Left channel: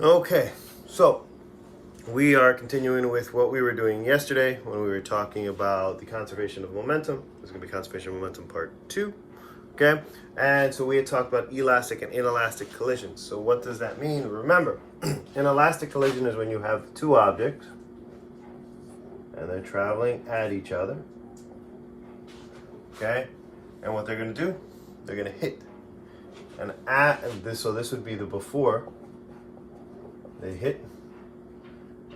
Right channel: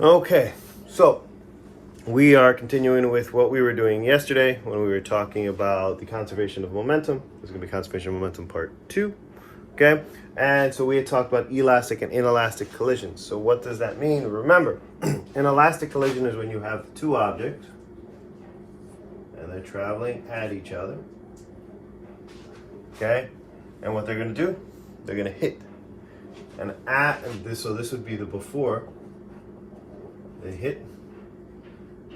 Okay, so we are continuing with what we were doing yesterday when we were talking about the conservation of momentum. This is going to be conservation of momentum part 2. Okay, and so we had talked about elastic and inelastic collisions. So what does that mean? Remember, an elastic collision is when you have two objects and they're traveling at each other. Okay, and what they're going to do, they're going to hit. And this would be the before. They hit,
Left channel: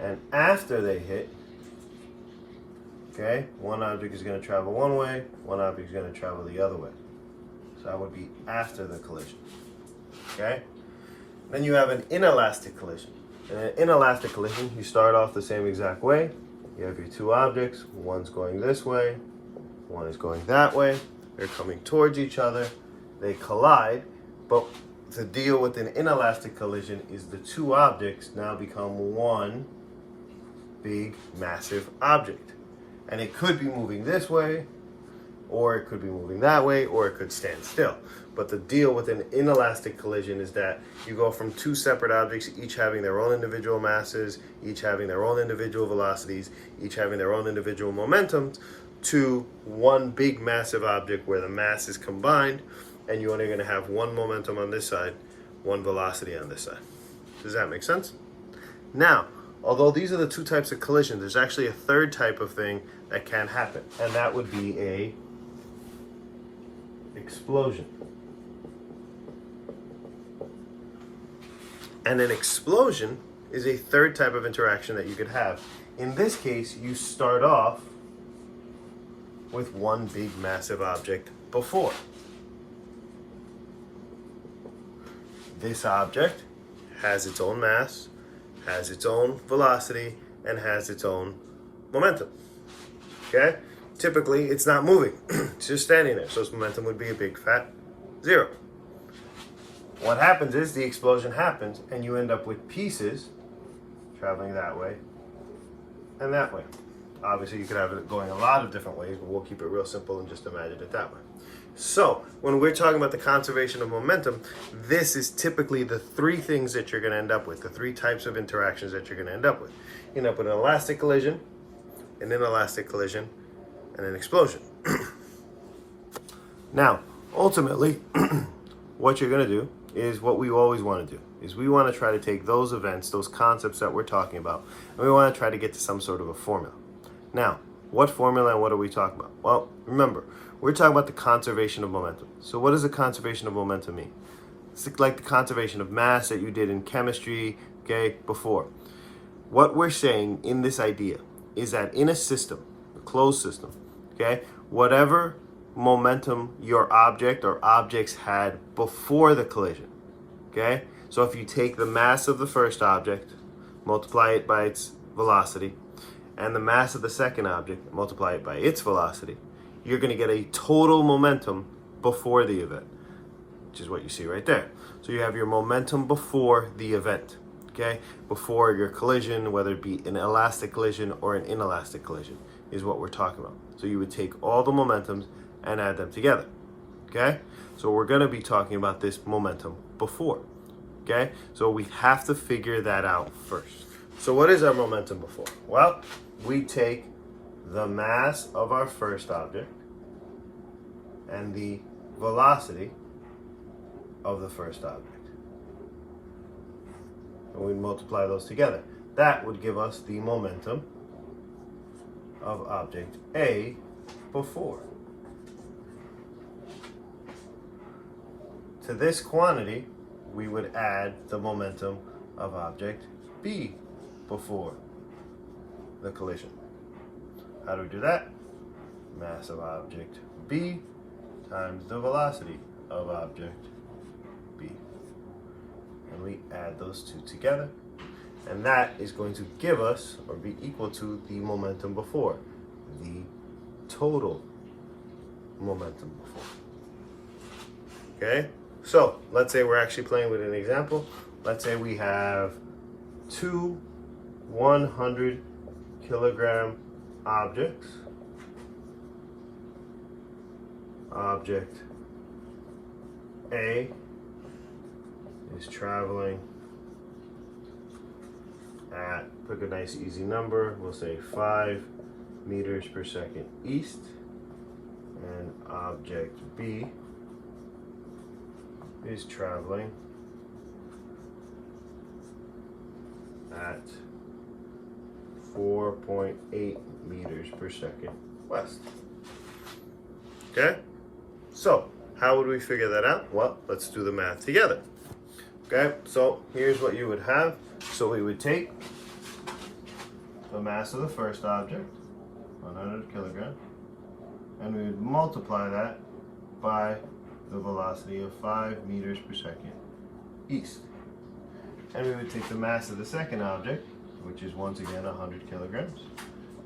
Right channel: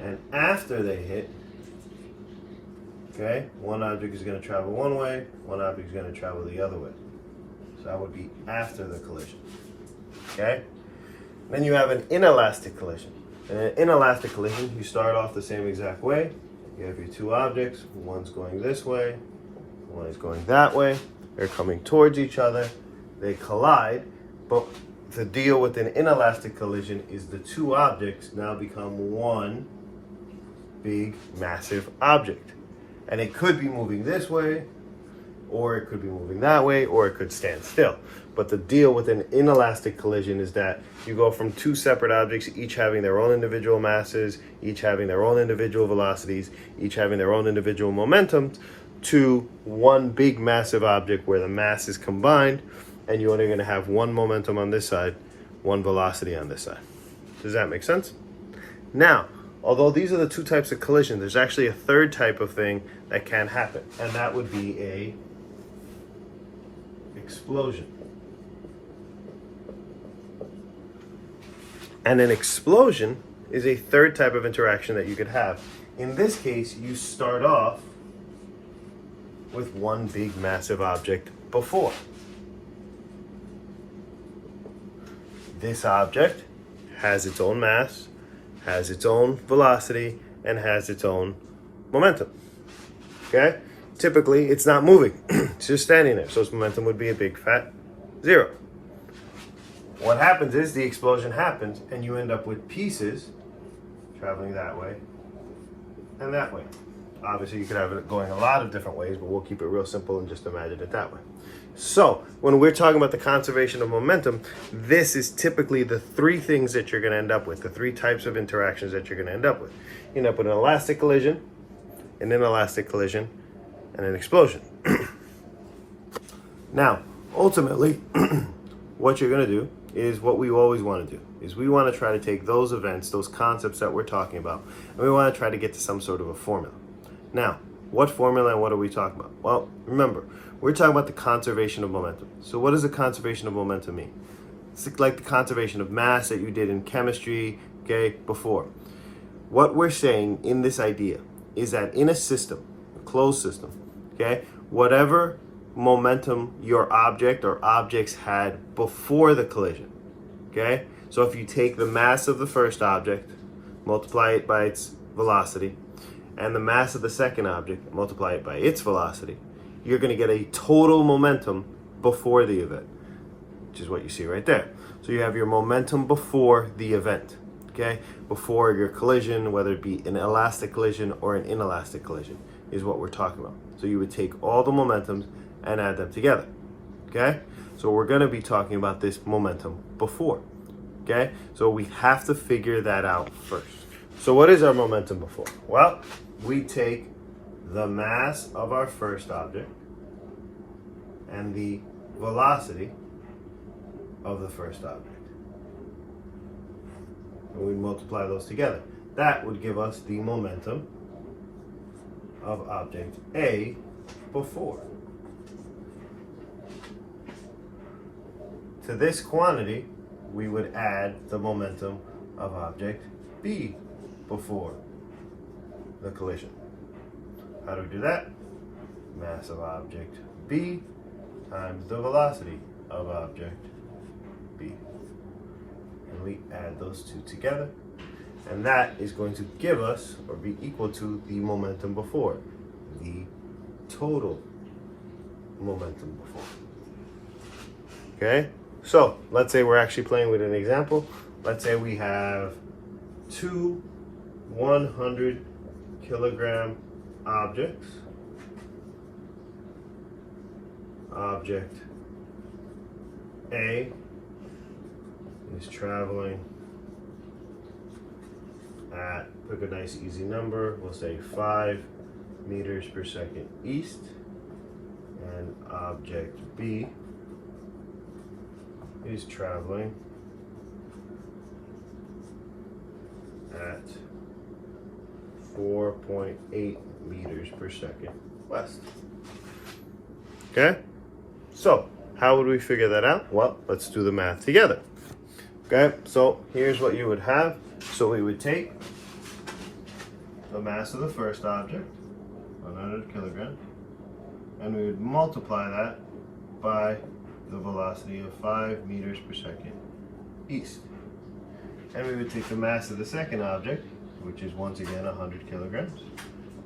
and after they hit, okay, one object is going to travel one way, one object is going to travel the other way. So that would be after the collision. Okay? Then you have an inelastic collision. In an inelastic collision, you start off the same exact way. You have your two objects, one's going this way, one is going that way. They're coming towards each other. They collide, but the deal with an inelastic collision is the two objects now become one big, massive object. And it could be moving this way, or it could be moving that way, or it could stand still. But the deal with an inelastic collision is that you go from two separate objects, each having their own individual masses, each having their own individual velocities, each having their own individual momentums, to one big, massive object where the mass is combined, and you're only going to have one momentum on this side, one velocity on this side. Does that make sense? Now, although these are the two types of collision, there's actually a third type of thing that can happen, and that would be a explosion. And an explosion is a third type of interaction that you could have. In this case, you start off with one big massive object before. This object has its own mass, has its own velocity, and has its own momentum. Okay? Typically, it's not moving. It's just standing there. So its momentum would be a big fat 0. What happens is the explosion happens, and you end up with pieces traveling that way and that way. Obviously, you could have it going a lot of different ways, but we'll keep it real simple and just imagine it that way. So, when we're talking about the conservation of momentum, this is typically the three things that you're going to end up with, the three types of interactions that you're going to end up with. You end up with an elastic collision, an inelastic collision, and an explosion. Now, ultimately, what you're going to do is what we always want to do, is we want to try to take those events, those concepts that we're talking about, and we want to try to get to some sort of a formula. Now, what formula and what are we talking about? Well, remember, we're talking about the conservation of momentum. So what does the conservation of momentum mean? It's like the conservation of mass that you did in chemistry, okay, before. What we're saying in this idea is that in a system, a closed system, okay, whatever momentum your object or objects had before the collision, okay? So if you take the mass of the first object, multiply it by its velocity, and the mass of the second object, multiply it by its velocity, you're going to get a total momentum before the event, which is what you see right there. So you have your momentum before the event, okay? Before your collision, whether it be an elastic collision or an inelastic collision, is what we're talking about. So you would take all the momentums and add them together, okay? So we're going to be talking about this momentum before, okay? So we have to figure that out first. So what is our momentum before? Well, we take the mass of our first object and the velocity of the first object. And we multiply those together. That would give us the momentum of object A before. To this quantity, we would add the momentum of object B before the collision. How do we do that? Mass of object B times the velocity of object B. And we add those two together. And that is going to give us, or be equal to, the momentum before, the total momentum before. Okay? So, let's say we're actually playing with an example. Let's say we have two 100 kilogram objects. Object A is traveling at, pick a nice easy number, we'll say 5 meters per second east, and object B is traveling at 4.8 meters per second west. Okay, so how would we figure that out? Well, let's do the math together. Okay, so here's what you would have. So we would take the mass of the first object, 100 kilograms, and we would multiply that by the velocity of 5 meters per second east. And we would take the mass of the second object, which is once again 100 kilograms,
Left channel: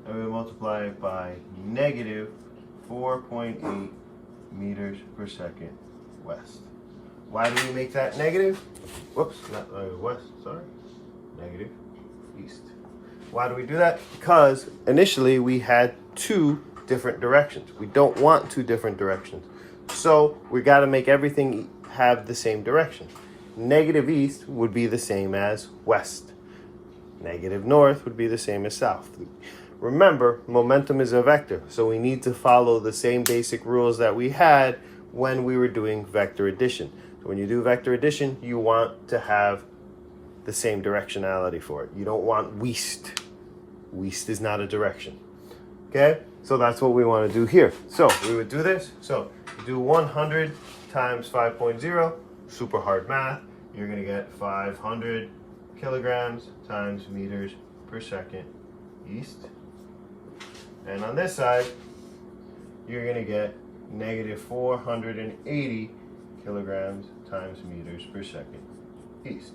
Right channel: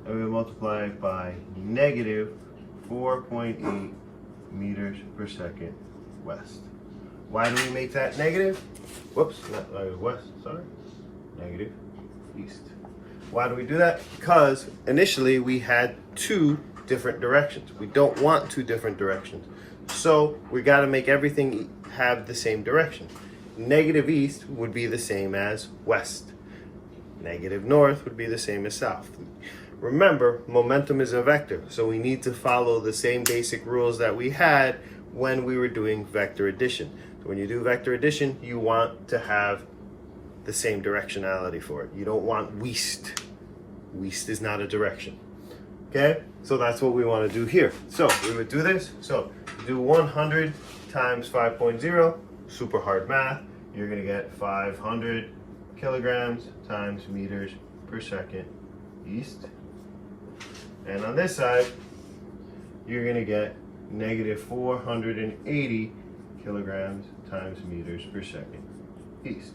and we would multiply it by negative 4.8 meters per second west. Why do we make that negative? Whoops, not west, sorry. Negative east. Why do we do that? Because initially we had 2 different directions. We don't want 2 different directions. So we got to make everything have the same direction. Negative east would be the same as west. Negative north would be the same as south. Remember, momentum is a vector, so we need to follow the same basic rules that we had when we were doing vector addition. So when you do vector addition, you want to have the same directionality for it. You don't want west. West is not a direction. Okay, so that's what we want to do here. So we would do this. So do 100 times 5.0, super hard math. You're going to get 500 kilograms times meters per second east. And on this side, you're going to get negative 480 kilograms times meters per second east.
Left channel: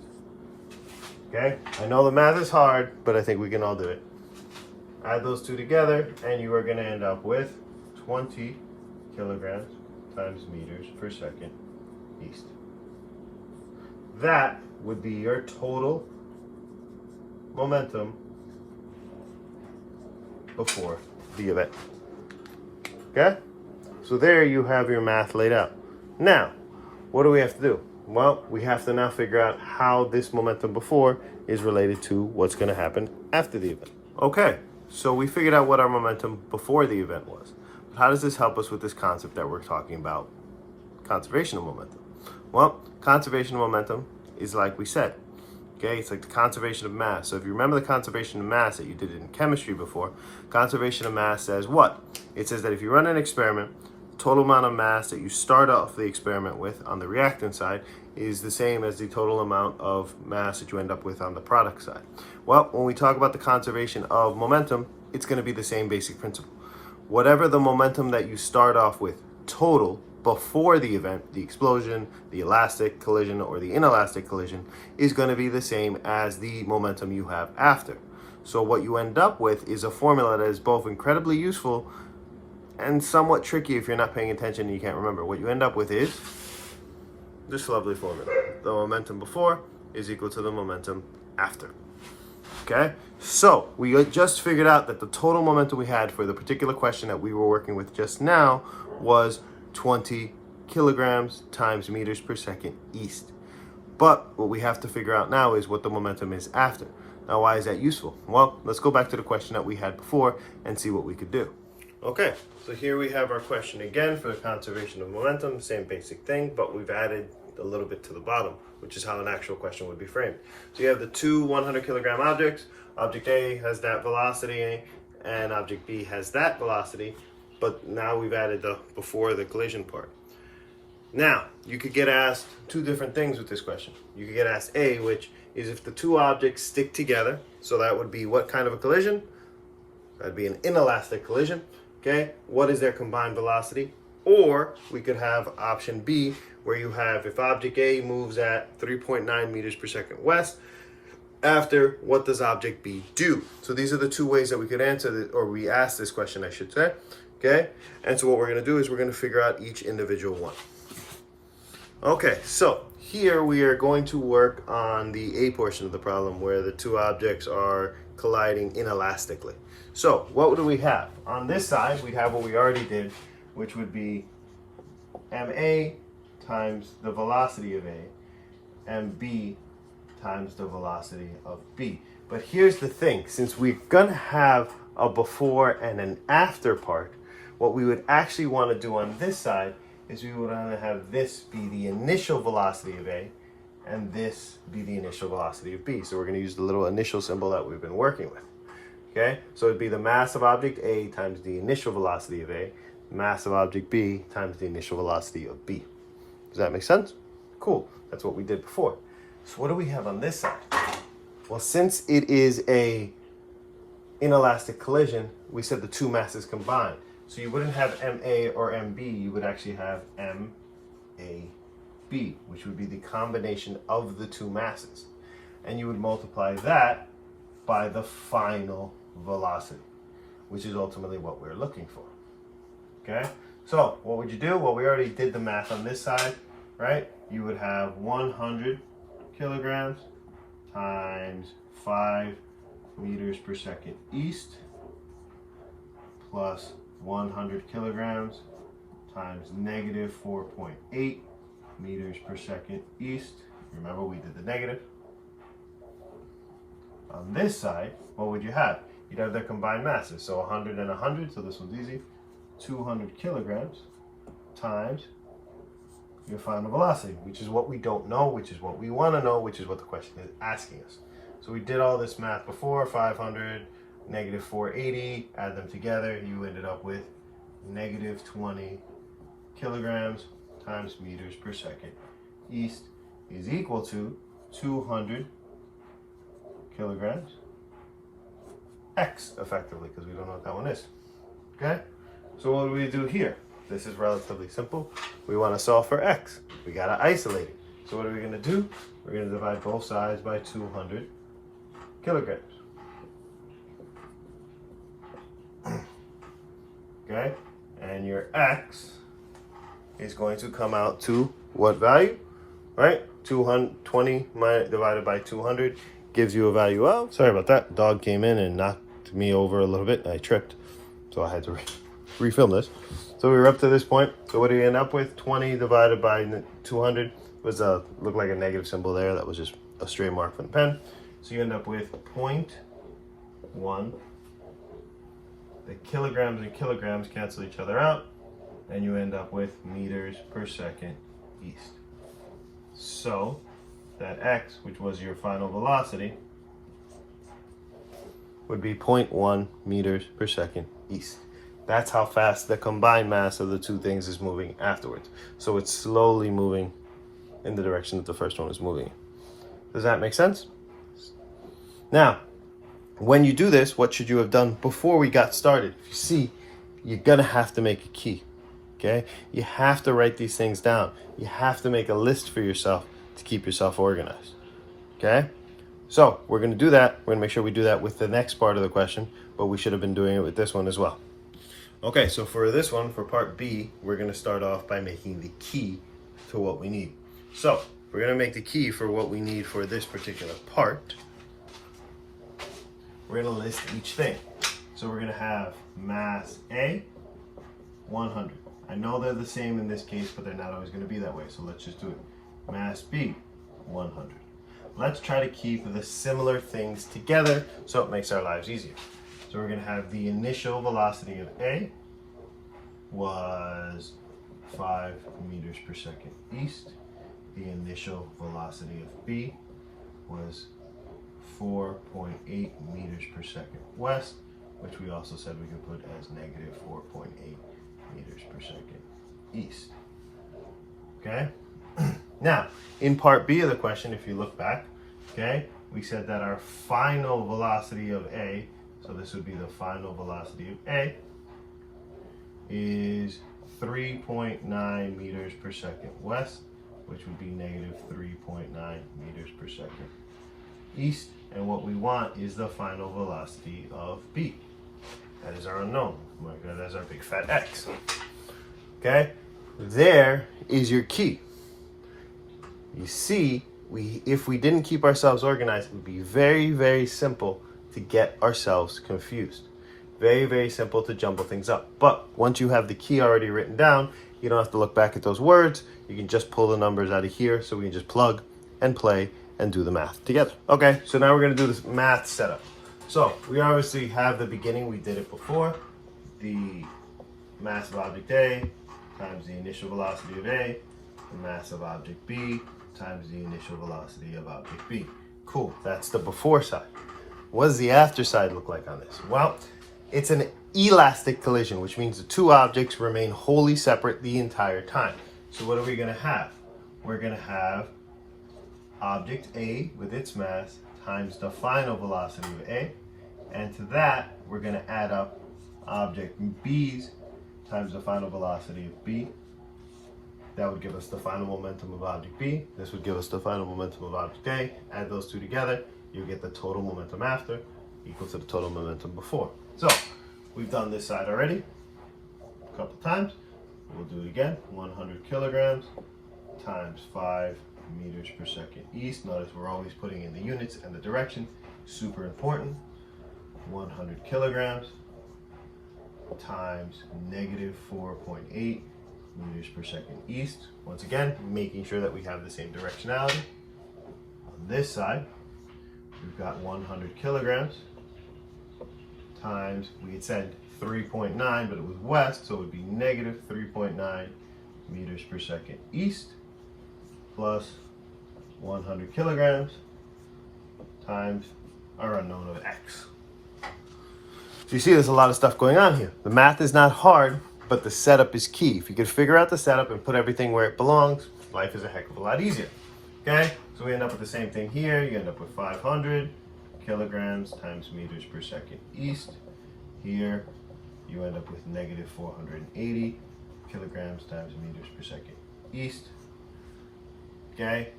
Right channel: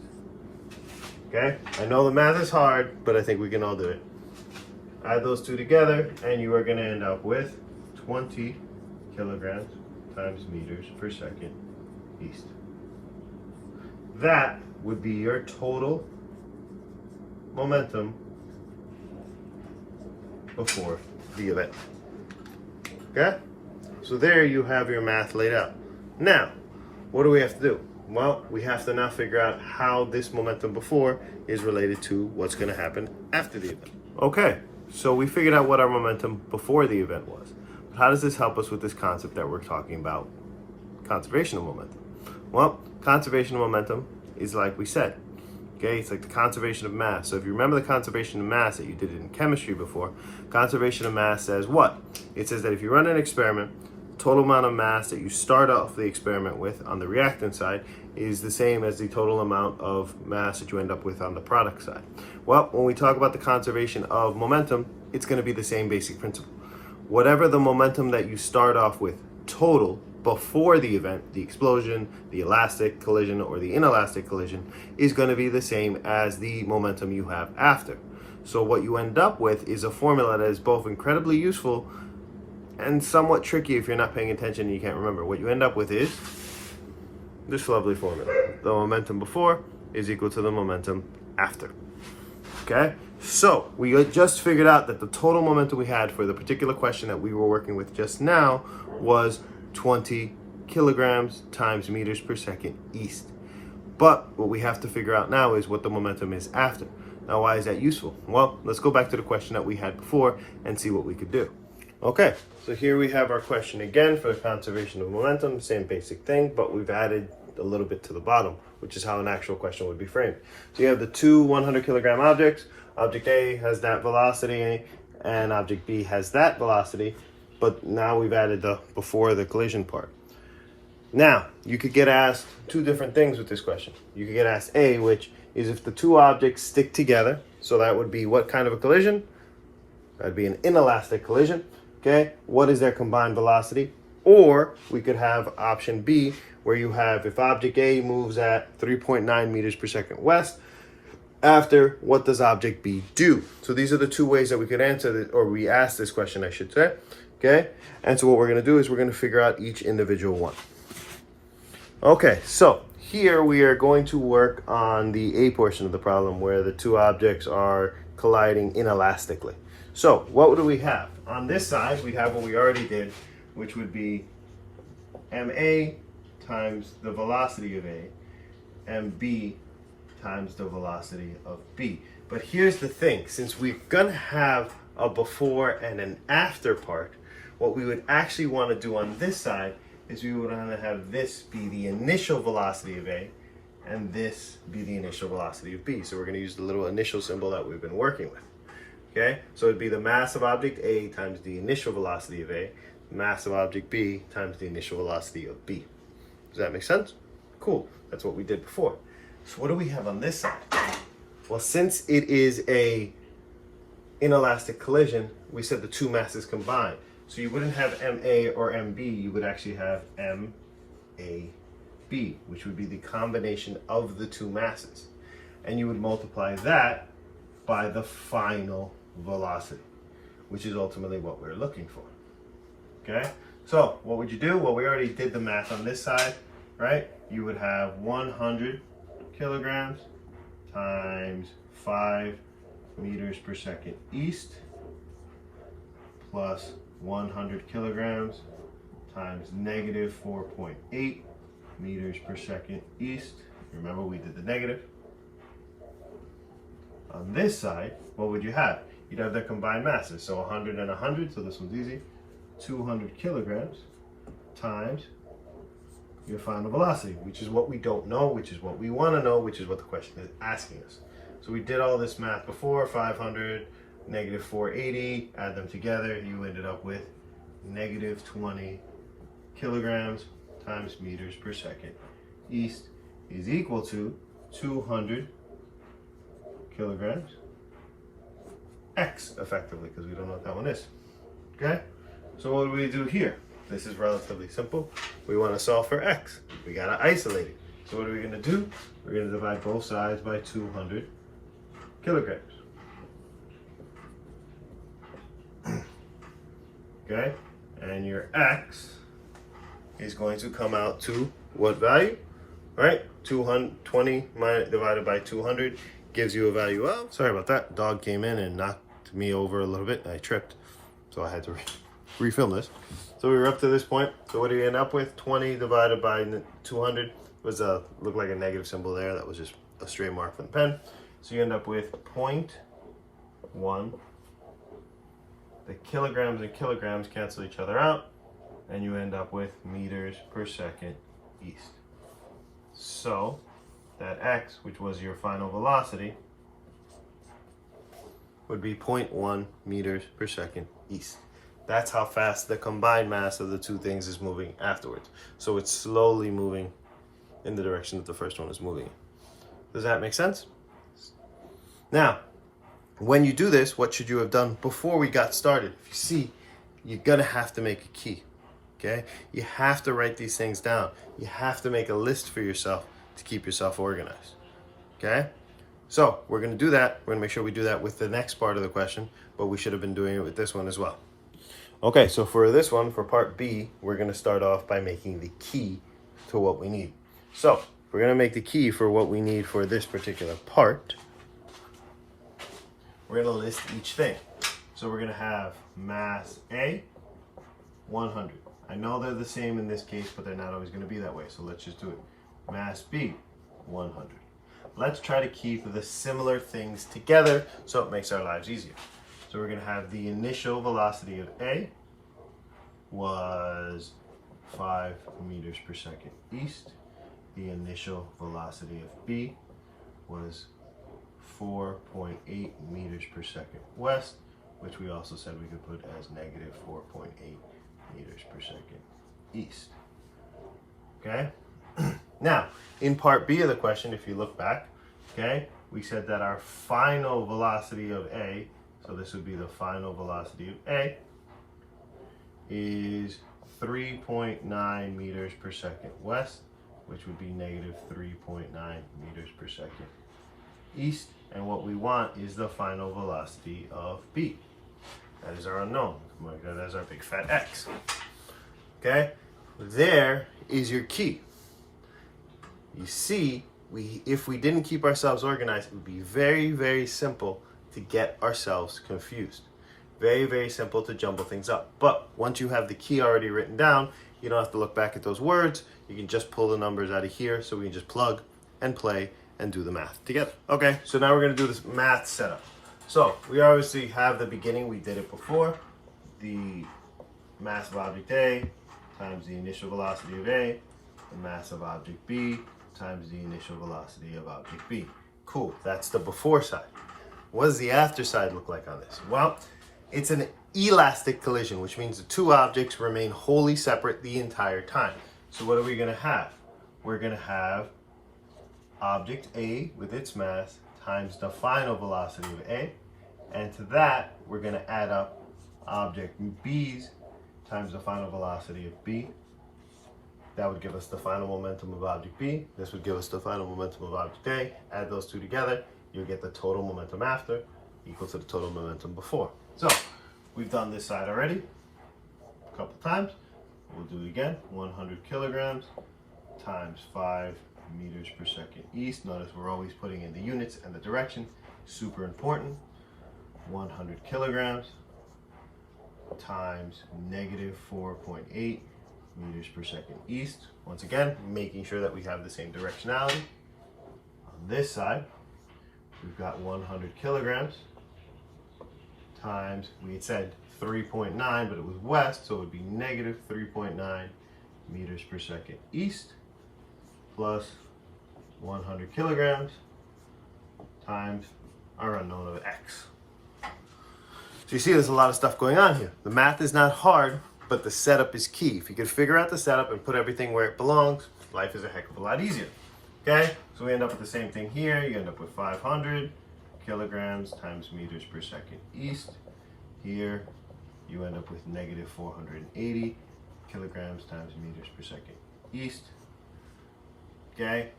Okay, I know the math is hard, but I think we can all do it. Add those 2 together, and you are going to end up with 20 kilograms times meters per second east. That would be your total momentum before the event. Okay? So there you have your math laid out. Now, what do we have to do? Well, we have to now figure out how this momentum before is related to what's going to happen after the event. Okay, so we figured out what our momentum before the event was. But how does this help us with this concept that we're talking about, conservation of momentum? Well, conservation of momentum is like we said, okay? It's like the conservation of mass. So if you remember the conservation of mass that you did in chemistry before, conservation of mass says what? It says that if you run an experiment, total amount of mass that you start off the experiment with on the reactant side is the same as the total amount of mass that you end up with on the product side. Well, when we talk about the conservation of momentum, it's going to be the same basic principle. Whatever the momentum that you start off with total before the event, the explosion, the elastic collision, or the inelastic collision, is going to be the same as the momentum you have after. So what you end up with is a formula that is both incredibly useful and somewhat tricky if you're not paying attention and you can't remember. What you end up with is this lovely formula. The momentum before is equal to the momentum after. Okay? So we just figured out that the total momentum we had for the particular question that we were working with just now was 20 kilograms times meters per second east. But what we have to figure out now is what the momentum is after. Now, why is that useful? Well, let's go back to the question that we had before and see what we could do. Okay, so here we have our question again for the conservation of momentum, same basic thing, but we've added a little bit to the bottom, which is how an actual question would be framed. So you have the 2 100 kilogram objects. Object A has that velocity and object B has that velocity, but now we've added the before the collision part. Now, you could get asked 2 different things with this question. You could get asked A, which is if the 2 objects stick together, so that would be what kind of a collision? That'd be an inelastic collision. Okay, what is their combined velocity? Or we could have option B, where you have if object A moves at 3.9 meters per second west, after what does object B do? So these are the 2 ways that we could answer this, or we ask this question, I should say. Okay, and so what we're going to do is we're going to figure out each individual one. Okay, so here we are going to work on the A portion of the problem where the 2 objects are colliding inelastically. So what do we have? On this side, we have what we already did, which would be ma times the velocity of A, mb times the velocity of B. But here's the thing, since we're gonna have a before and an after part, what we would actually want to do on this side is we would want to have this be the initial velocity of A and this be the initial velocity of B. So we're going to use the little initial symbol that we've been working with. Okay, so it'd be the mass of object A times the initial velocity of A, mass of object B times the initial velocity of B. Does that make sense? Cool, that's what we did before. So what do we have on this side? Well, since it is a inelastic collision, we said the two masses combined. So you wouldn't have MA or MB, you would actually have MAB, which would be the combination of the two masses. And you would multiply that by the final velocity, which is ultimately what we're looking for. Okay? So what would you do? Well, we already did the math on this side, right? You would have 100 kilograms times 5 meters per second east plus 100 kilograms times negative 4.8 meters per second east. Remember, we did the negative. On this side, what would you have? You'd have the combined masses. So 100 and 100, so this one's easy. 200 kilograms times your final velocity, which is what we don't know, which is what we want to know, which is what the question is asking us. So we did all this math before, 500, negative 480, add them together, you ended up with negative 20 kilograms times meters per second east is equal to 200 kilograms x, effectively, because we don't know what that one is. Okay, so what do we do here? This is relatively simple. We want to solve for x. We got to isolate it. So what are we going to do? We're going to divide both sides by 200 kilograms. Okay, and your x is going to come out to what value? Right? 220 divided by 200 gives you a value of, sorry about that, dog came in and knocked me over a little bit and I tripped, so I had to refilm this. So we were up to this point. So what do you end up with? 20 divided by 200 was looked like a negative symbol there. That was just a straight mark from the pen. So you end up with 0.1. The kilograms and kilograms cancel each other out, and you end up with meters per second east. So that x, which was your final velocity, would be 0.1 meters per second east. That's how fast the combined mass of the two things is moving afterwards. So it's slowly moving in the direction that the first one is moving in. Does that make sense? Now, when you do this, what should you have done before we got started? If you see, you're gonna have to make a key, okay? You have to write these things down. You have to make a list for yourself to keep yourself organized, okay? So we're gonna do that. We're gonna make sure we do that with the next part of the question, but we should have been doing it with this one as well. Okay, so for this one, for part B, we're gonna start off by making the key to what we need. So we're gonna make the key for what we need for this particular part. We're gonna list each thing. So we're gonna have mass A, 100. I know they're the same in this case, but they're not always gonna be that way. So let's just do it. Mass B, 100. Let's try to keep the similar things together so it makes our lives easier. So we're gonna have the initial velocity of A was 5 meters per second east. The initial velocity of B was 4.8 meters per second west, which we also said we could put as negative 4.8 meters per second east. Okay? Now, in part B of the question, if you look back, okay, we said that our final velocity of A, so this would be the final velocity of A, is 3.9 meters per second west, which would be negative 3.9 meters per second east. And what we want is the final velocity of B. That is our unknown. Mark that as our big fat X. Okay? There is your key. You see, if we didn't keep ourselves organized, it would be very, very simple to get ourselves confused. Very, very simple to jumble things up. But once you have the key already written down, you don't have to look back at those words. You can just pull the numbers out of here, so we can just plug and play and do the math together. Okay, so now we're gonna do this math setup. So we obviously have the beginning, we did it before. The mass of object A times the initial velocity of A, the mass of object B times the initial velocity of object B. Cool, that's the before side. What does the after side look like on this? Well, it's an elastic collision, which means the two objects remain wholly separate the entire time. So what are we gonna have? We're gonna have object A with its mass times the final velocity of A, and to that, we're gonna add up object B's times the final velocity of B. That would give us the final momentum of object B. This would give us the final momentum of object A. Add those two together, you'll get the total momentum after equal to the total momentum before. So we've done this side already a couple times. We'll do it again. 100 kilograms times 5 meters per second east. Notice we're always putting in the units and the direction. Super important. 100 kilograms times negative 4.8 meters per second east. Once again, making sure that we have the same directionality. On this side, we've got 100 kilograms times, we had said 3.9, but it was west, so it would be negative 3.9 meters per second east, plus 100 kilograms times our unknown of x. So you see there's a lot of stuff going on here. The math is not hard, but the setup is key. If you can figure out the setup and put everything where it belongs, life is a heck of a lot easier. Okay, so we end up with the same thing here. You end up with 500 kilograms times meters per second east. Here, you end up with negative 480 kilograms times meters per second east. Okay,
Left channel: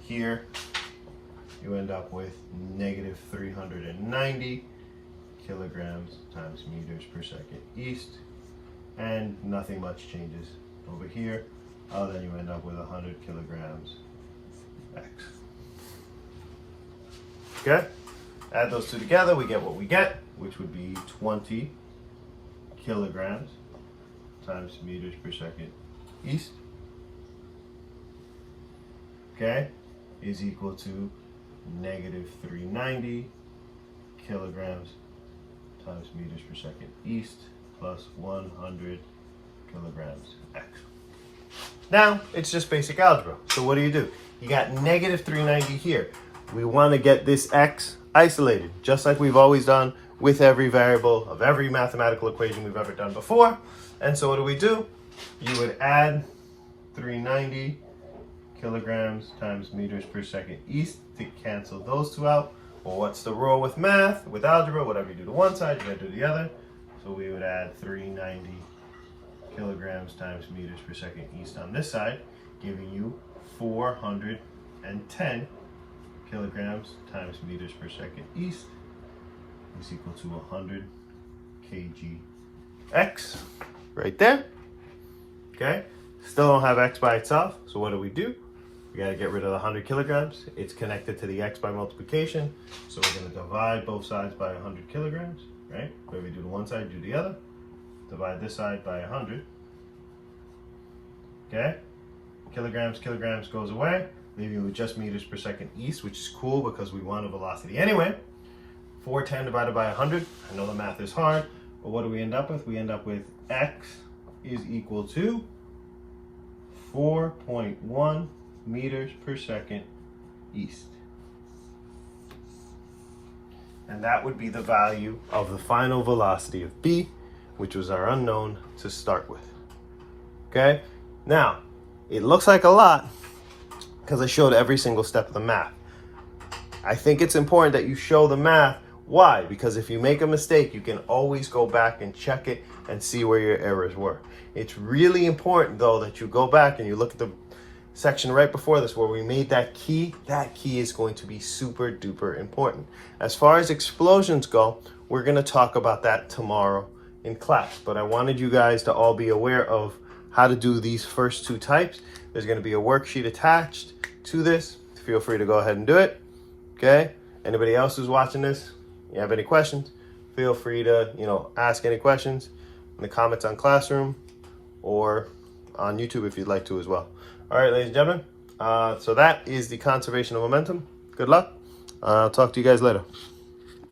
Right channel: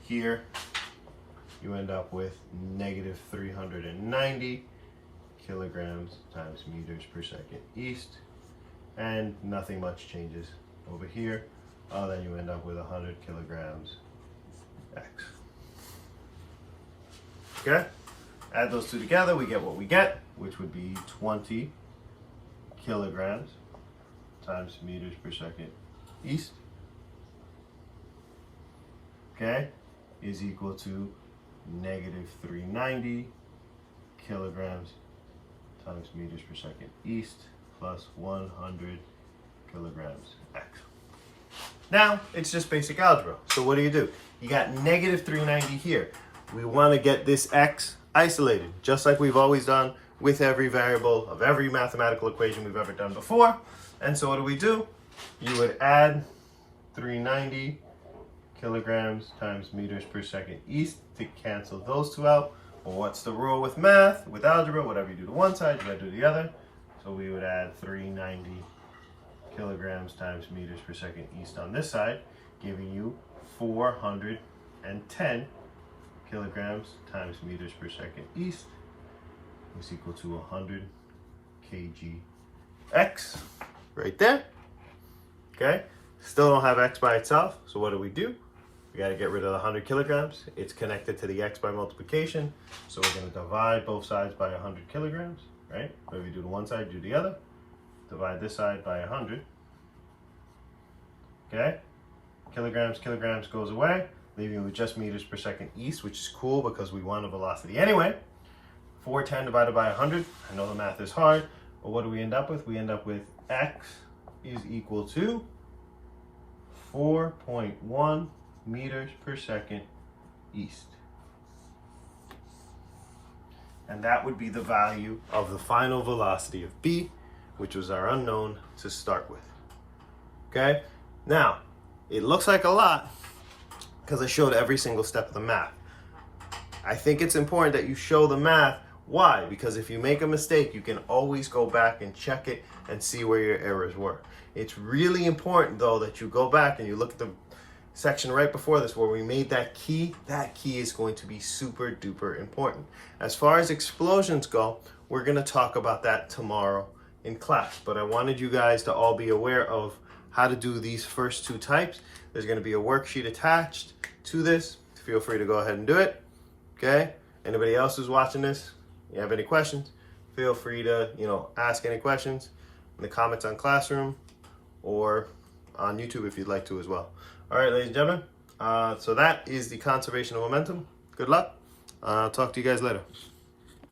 here, you end up with negative 390 kilograms times meters per second east. And nothing much changes over here. Then you end up with 100 kilograms x. Okay, add those two together, we get what we get, which would be 20 kilograms times meters per second east, okay, is equal to negative 390 kilograms times meters per second east plus 100 kilograms x. Now, it's just basic algebra. So what do? You got negative 390 here. We want to get this x isolated, just like we've always done with every variable of every mathematical equation we've ever done before. And so what do? You would add 390 kilograms times meters per second east to cancel those two out. Well, what's the rule with math, with algebra? Whatever you do to one side, you gotta do the other. So we would add 390 kilograms times meters per second east on this side, giving you 410 kilograms times meters per second east is equal to 100 kg x right there. Okay, still don't have x by itself, so what do? We got to get rid of the 100 kilograms. It's connected to the x by multiplication, so we're going to divide both sides by 100 kilograms, right? When we do to one side, do the other. Divide this side by 100. Okay, kilograms goes away, leaving you with just meters per second east, which is cool because we want a velocity anyway. 410 divided by 100. I know the math is hard, but what do we end up with? We end up with x is equal to 4.1 meters per second east. And that would be the value of the final velocity of B, which was our unknown to start with. Okay, now it looks like a lot because I showed every single step of the math. I think it's important that you show the math. Why? Because if you make a mistake, you can always go back and check it and see where your errors were. It's really important though that you go back and you look at the section right before this where we made that key. That key is going to be super duper important. As far as explosions go, we're going to talk about that tomorrow in class, but I wanted you guys to all be aware of how to do these first two types. There's going to be a worksheet attached to this. Feel free to go ahead and do it. Okay, anybody else who's watching this, you have any questions, feel free to ask any questions in the comments on Classroom or on YouTube if you'd like to as well. All right, ladies and gentlemen, so that is the conservation of momentum. Good luck. I'll talk to you guys later.